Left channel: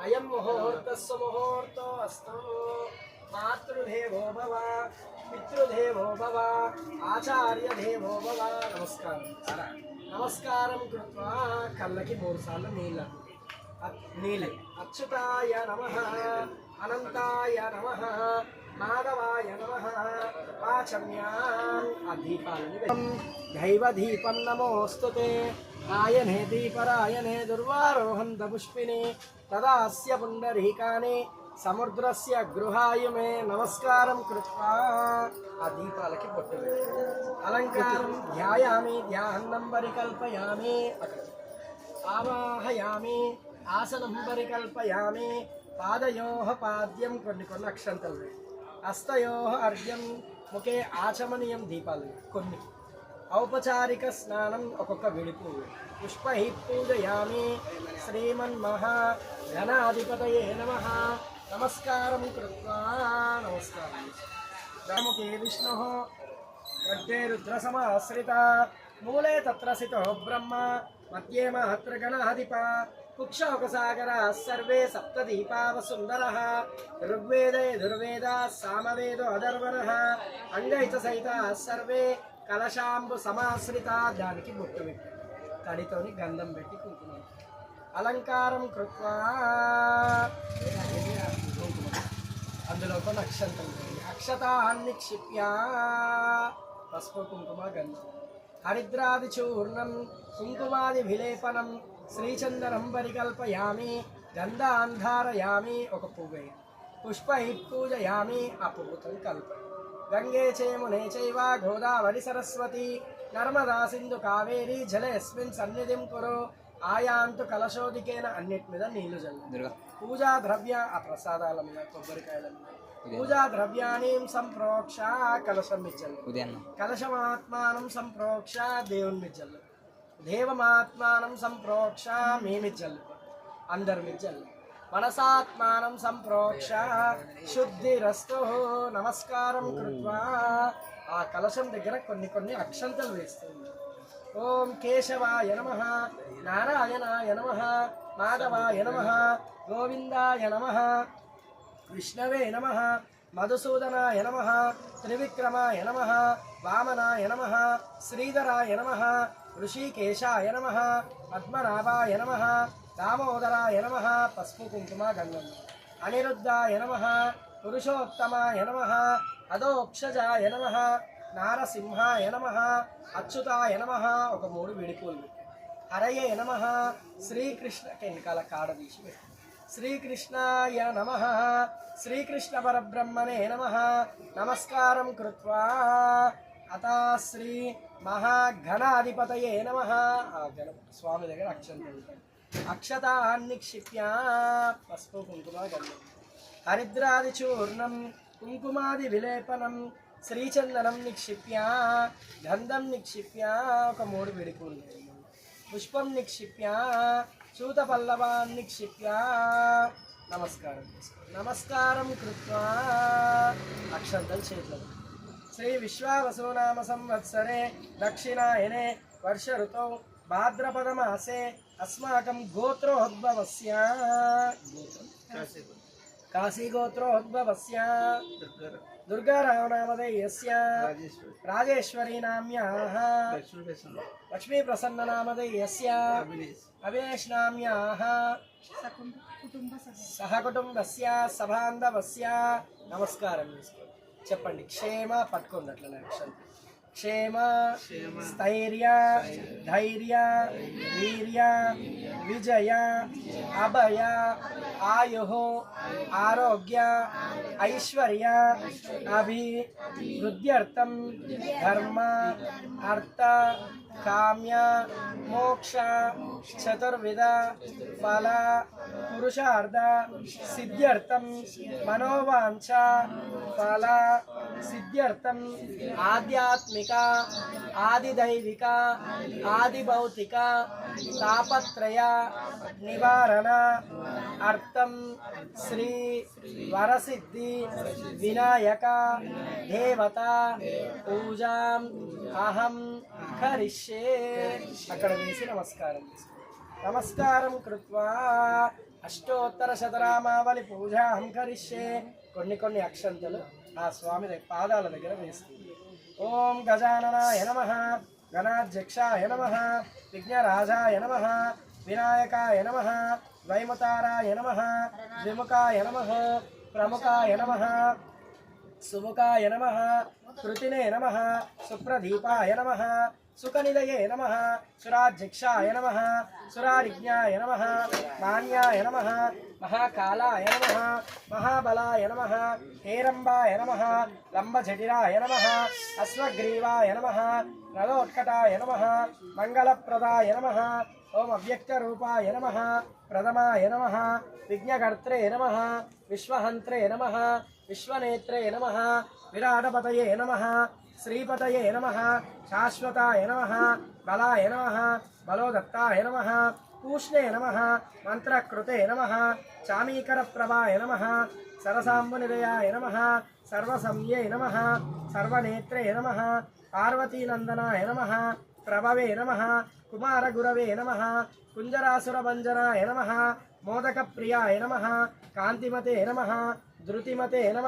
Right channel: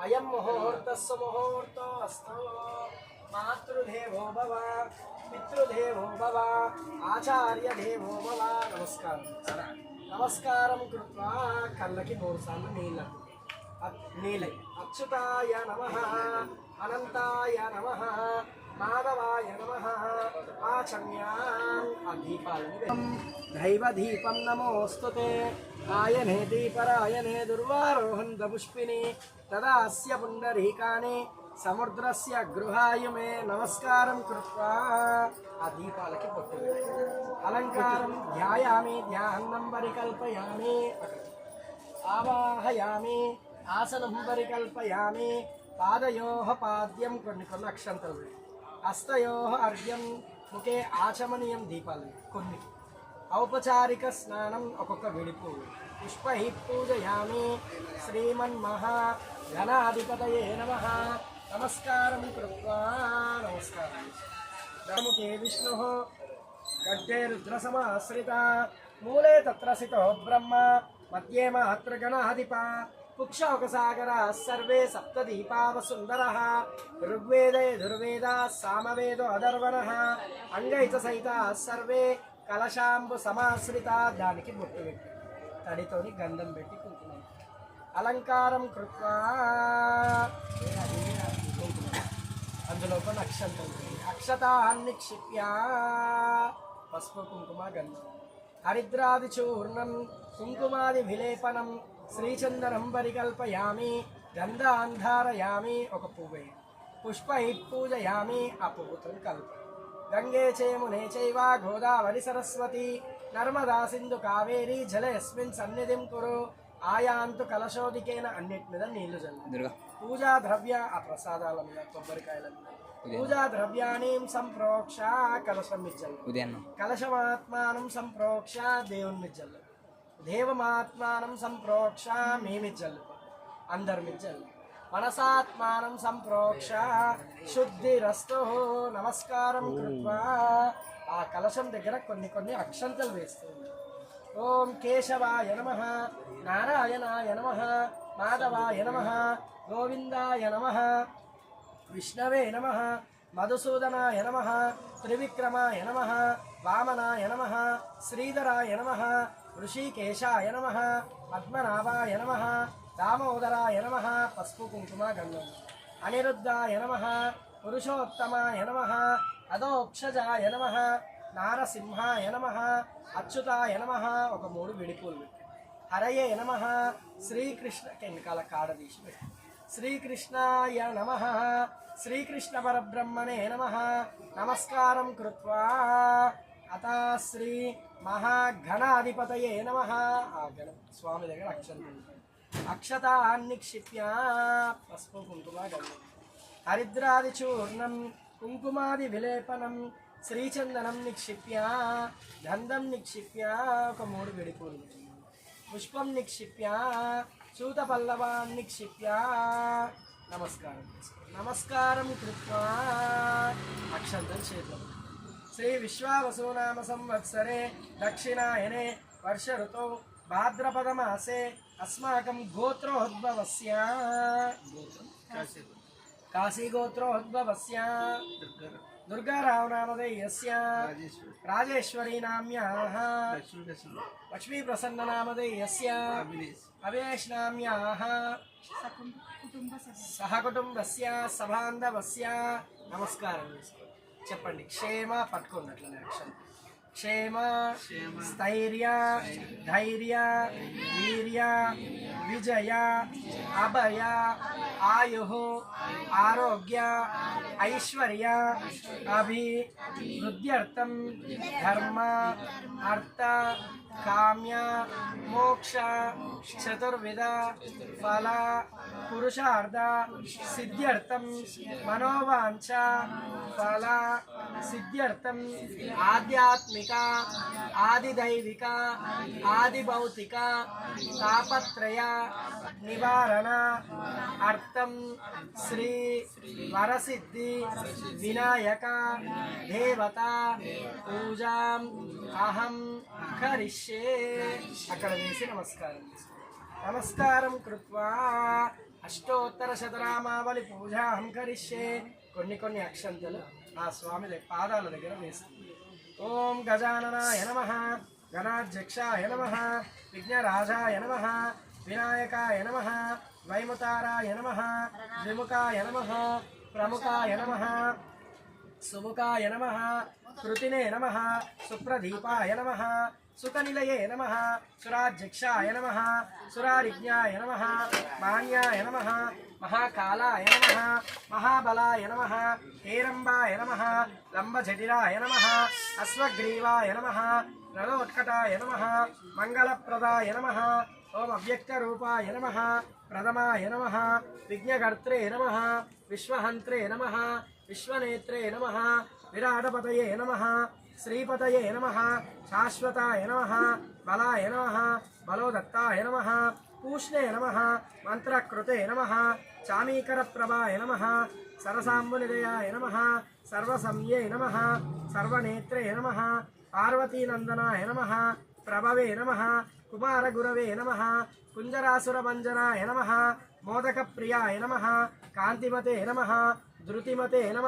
అయం ముహూర్తస్సు ముహూర్తో మాతృదేవో భవ పితృదేవో భవ ఆచార్యదేవో భవ నమస్కారం నమస్కారం కృత్వా కళ్ళకి మూడు సార్లు నీళ్ళు అచ్యుతాయ నమ అనంతాయ నమ మాధవాయ నమ ఆచమ్యా ఆ దీపాలని దైవ దీపం నమోస్తు ఆయనే దీపరాయనే దుర్వారోహంత పుష్పిని తదాస్య పుండరీకాని సముద్రస్య గృహాయుమే నమస్కారం కృత్వా ఆ దీపాలకి పొట్టు. అలంకారం ధ్యాయామి ధ్యానం పరికల్పయామి ఆవాహయామి ఆసనం పరికల్పయామి పాదయో పాద్యం కొన్ని కొన్ని అక్షంతలు వేయి. హస్తయో అర్ఘ్యం ముఖే ఆచమనీయం దీపాలు. కొన్ని ఔపచారిక స్నానం ఒక్కొక్క విడిపు పుష్పహి పుష్పై పూజయామి శ్రీమన్మహా ఘనాధిపతయే నమ. నమస్కారం కృత్వా. నమస్కారం. రాముకే విష్ణు. గడ్డే రుద్రసమాశ్రిత. మూలే తత్ర సితో బ్రహ్మ. మధ్యే మహత్రగణాధిప కుక్షోకసాగర సర్వే సప్తదీపావసుందర. ఋగ్వేదే దుర్వేద సామవేదో అధర్వణ. అంగైత సహిత సర్వే కలశాంబు సమాశ్రిత దానికి బొట్టు పెట్టి తడితోని గంధం పెట్టి కుంకుమ. అలంకారం కృత్వా. అందులో ఒక నక్షత్రం అక్షతాన్ని క్షిప్యా పసుపు కుంకుమ గంధం. హరిద్రాది చూర్ణం కుంకుమాది విలేపనం శ్రీచందనం పరికల్పయామి గంధాంధారయామి ఒక పువ్వు పుష్పై పూజయామి ఆ పువ్వుతో కల్ప గంగే చేమునే చైవ గోదావరి సరస్వతి నర్మదా సింధు కావేరి జలయస్మిన్ సన్నిధిం కురు ఆయాంతు కలశోదికేన అన్నిటి మీద నీళ్ళు జల్లు పూజా ద్రవ్య ఆ ప్రసాదాల మీద కొబ్బరికాయల మీద పూజా ద్రవ్యాన్ని సంప్రోక్ష కలశం మిచ్చలు ఉదయం కలశమాత్మానం సంప్రోక్ష దేవుని మిచ్చలు దేవమాత్మానం సంప్రోక్ష మీ మిచ్చలు అందరి మిచ్చలు మనసాత్మానం సంప్రోక్ష. శుద్ధిరస్తు. నమస్కారం కృత్వా. ఆ కలశం దగ్గర కొన్ని కొన్ని అక్షంతలు వేస్తుంది. ఓం కేశవాయ నమ. నారాయణాయ నమ. మాధవాయ నమ. గోవిందాయ నమ. విష్ణవే నమ. మధుసూదనాయ నమ. త్రివిక్రమాయ నమ. వామనాయ నమ. శ్రీధరాయ నమ. ఋషికేశాయ నమ. పద్మనాభాయ నమ. దామోదరాయ నమ పసుపు కుంకుమ గంధం అనిరుద్ధాయ నమ పురుషోత్తమాయ నమ అదోక్షజాయ నమ నారసింహాయ నమ అచ్యుతాయ నమ ఒక మూడు విడిపూలు. హరయే నమ శ్రీకృష్ణ వెనకాల కాడ తీసి పెట్టు. శ్రీకృష్ణాయ నమ శ్రీకృష్ణ పరబ్రహ్మణే నమ నమస్కారం కృత్వా అత శ్రీ మహాఘనాధిపతయే నమ ఆ గణ స్వామి దగ్గర అక్షరం అక్షతాన్ని క్షిప్య పసుపు కుంకుమ గంధం. హరిద్రాది చూర్ణం కుంకుమాది విలేపనం శ్రీచందనం నిక్షిప్య గంధం నిక్షిప్య ఒక మూడు విడిపూలు. పుష్పం నిక్షిప్య సూతపల్లవాన్ నిక్షిప్య. నమస్కారం నమస్కారం కృత్వా అక్షంతం చేతులు శ్రీ విశ్వావసునామ సంవత్సరే దక్షిణాయనే వర్ష ఋతౌ భాద్రపదమాసే అస్మాకం గోత్రోద్భవస్య కాశీగోత్రోద్భవస్య దుర్గారావనామధేయస్య రాజేశ్వరీ నామ్యాः లక్ష్మీప్రసన్ననామధేయస్య అవినేష్ నామ్యాः సహకుటుంబస్య సభాంధవస్య నమస్కారం చెప్పండి క్షేమ పట్టుకోండి అట్లనే అక్షరం క్షేమ స్థైర్య ధైర్య వీర్య విజయ అభయ ఆయు ఆరోగ్య ఐశ్వర్య అభివృద్ధ్యర్థం ధర్మ అర్థ కామ్య మోక్ష చతుర్విధ ఫల పురుషార్థ సిద్ధ్యర్థం మనోవాంఛ ఫల సిద్ధ్యర్థం ఆధ్యాత్మిక ఆదిదైవిక ఆదిభౌతిక తాపత్రయ నివారణ అర్థం శ్రీ వరసిద్ధి వినాయక దేవత పూజా అహం కరిష్యే. అక్కడ వేసి నమస్కారం. నమస్కారం కృత్వా. అష్టోత్తర శతరామావళి పూజ అహం కరిష్యే. కొన్ని కొన్ని అక్షంతలు ఆ స్వామి పాదాల దగ్గర వేస్తుంది. ఓం గజాననాయ నమ గణాధ్యక్షాయ నమ విఘ్నరాజాయ నమ వినాయకాయ నమ ద్వైమతారాయ నమ ద్విముఖాయ నమ ప్రముఖాయ నమ సుముఖాయ నమ కృతినే నమ సుప్రదీపాయ నమ సుఖనిలయే నమ సురాధ్యక్షాయ నమ సురారిజ్ఞాయ నమ మాన్యాయ నమ మహాకాలాయ నమ మహాబలాయ నమ హేరంబాయ నమ లంబజటిరాయ నమ అశ్వగ్రీవాయ నమ నలోత్కటాయ నమ మంగళప్రదాయ నమ ఓం అవ్యక్తరూపాయ నమ ప్రథమాయ నమ విఘ్నకర్త్రే నమ విశ్వహంత్రే నమ విశ్వనేత్రే నమ విరాటపతయే నమ శ్రీపతయే నమ శాశ్వతాయ నమ బలాయ నమ బలోదత్తాయ నమ పూష్ణే నమ మంత్రకృతే నమ చామీకరప్రభాయ నమ సరసాంబునిదయాయ నమ సర్వసంయే నమ సర్వనేత్రే నమ పార్వతీనందనాయ నమ ప్రభవే నమ కుమారగురవే నమ కుంజరాసురభంజనాయ నమ మోదకప్రియాయ నమ కాంతిమతే నమ ధృతిమతే నమ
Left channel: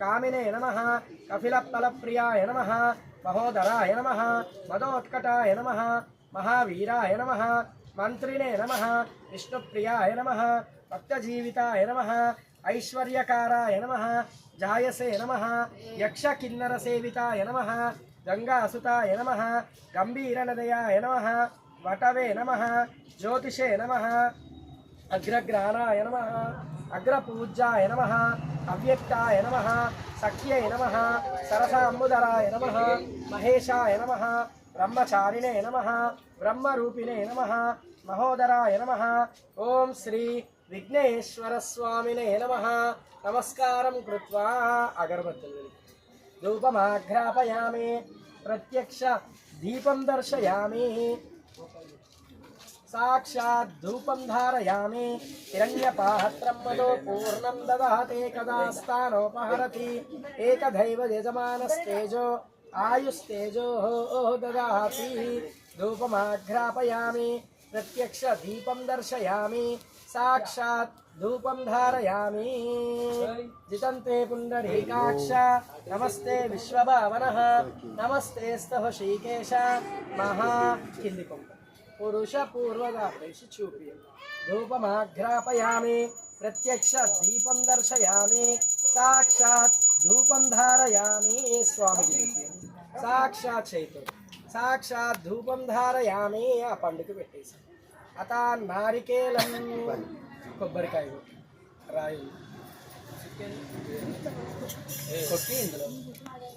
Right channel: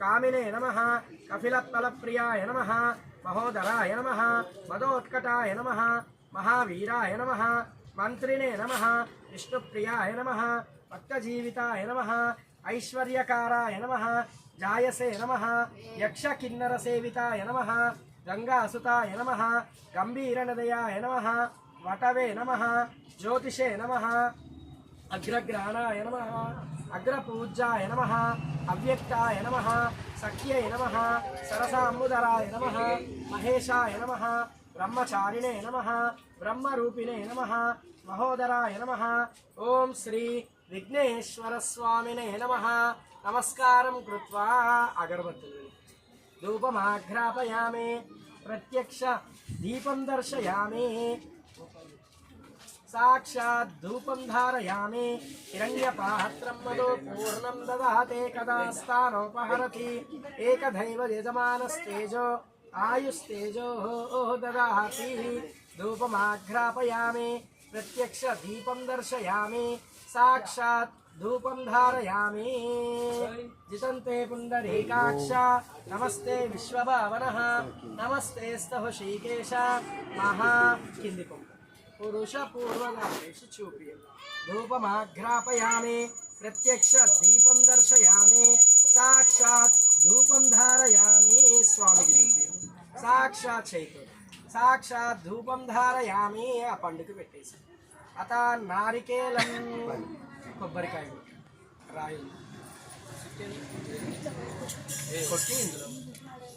కామినే నమ కపిలఫలప్రియాయ నమ మహోదరాయ నమ మదోత్కటాయ నమ మహావీరాయ నమ మంత్రినే నమ విష్ణుప్రియాయ నమ భక్తజీవితాయ నమ ఐశ్వర్యకారాయ నమ జాయసే నమ యక్షకిన్నరసేవితాయ నమ గంగాసుతాయ నమ గంభీరనదయాయ నమ వటవే నమ జ్యోతిషే నమ అగ్రగ్రహణాయ నమ అగ్రపూజ్యాయ నమ అవ్యక్తాయ నమ సఖ్యయ నమ సరసాంబుధరాయ నమ మహేశాయ నమ బ్రహ్మచారిణే నమ బ్రహ్మరూపిణే నమ మహోదరాయ నమ. ఓం శ్రీ విఘ్నేశ్వరస్వామినే నమ. నమస్కారం కృత్వా అగరబత్తులు. ధూపమాఘ్రాపయామి ప్రత్యక్ష దీపం దర్శయామి. साक्षात् धूपं धारयामि। हिरण्यपाहत्रं मदो पूर्णं ददाते कदा स्थानोपहरति। एकधैव यजमानस्तेजो, आयुस्तेजोः ददाति। धूपमाघ्रापयामि प्रत्यक्षदीपं दर्शयामि। साक्षात् धूपं धारयामि। जितन्ते पुण्डरीकाक्ष, नमस्ते विश्वभावनः। नमस्ते स्तः श्रीकेश। महा किन्दिकम् కింది కొండ పురుష పూర్వగామేషు చూపి ధూపమాఘ్రాపయామి ప్రత్యక్ష దీపం దర్శయామి సాక్షాత్ ధూపం ధారయామి స్వామికి చూపి సాక్షాత్ చైతన్య సాక్షాత్ ధూపం ధారయామి ఆ పండుగ పెట్టేసి అత నారికేలం కొబ్బరికాయ రాయి కొట్టి ఇందులో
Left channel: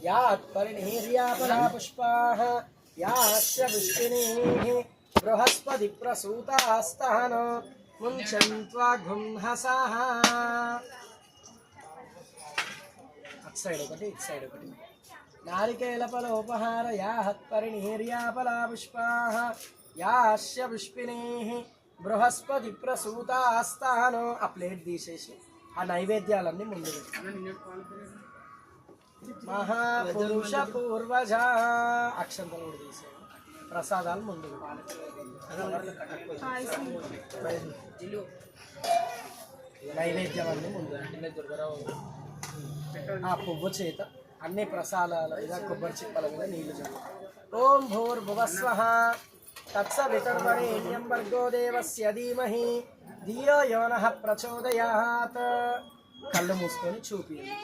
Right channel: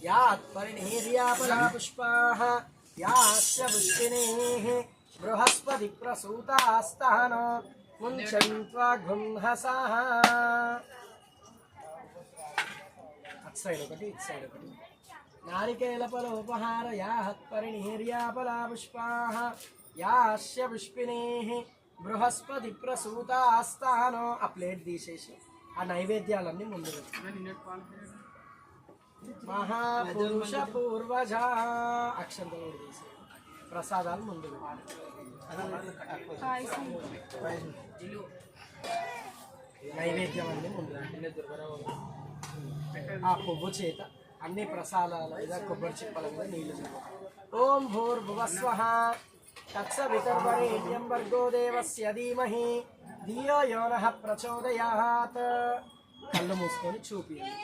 యాత్ పరిణీర్యాపలా పుష్పాః యాస్య పుష్పిణీః బృహస్పతి ప్రసూతాస్తానో ముంచంత్వా గుంహసాః అటు సైడ్ ఒకటి ఇటు సైడ్ ఒకటి. నారికేల ఫలోపహార యాహత్ పరిణీర్యాపలా పుష్పాః యాస్య పుష్పిణీః బృహస్పతి ప్రసూతాస్తానో ఆ ప్లేట్ తీసేసి ఆ నైవేద్యాలన్నీ ముందు. మహాపురుష పూర్వజ. అక్షంతలు కూడా తీసేయండి ప్రసాదాలు ముందు నైవేద్యం అన్ని ముందు ఆ పువ్వు చేత అన్ని ప్రసాదాల మీద కొబ్బరి చిప్పల మీద నీళ్ళు ఓం భూర్భువస్వ తత్సవితుర్వరేణ్యం భర్గో దేవస్య ధీమహి. ధియో యోన ప్రచోదయాత్. కళ్ళు మూసుకొని చూపియండి.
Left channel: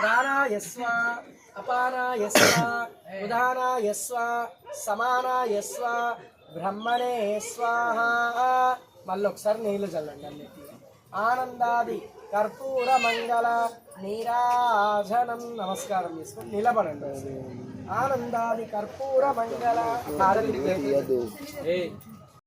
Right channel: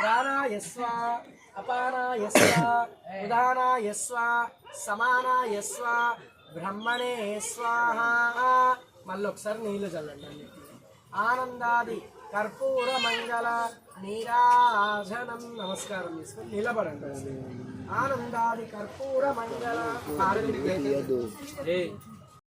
ప్రాణాయస్వ స్వ అపానాయ సమానాయస్వ బ్రహ్మణే స్వాహ. మళ్ళీ ఒకసారి నీళ్ళు చల్లండి అన్నిటిలో. ఆనందాది కర్పూర మంగళ నీరాజనం నమస్కారం చేసుకుని నిలబడండి. ఆనందాది కర్పూర మంగళ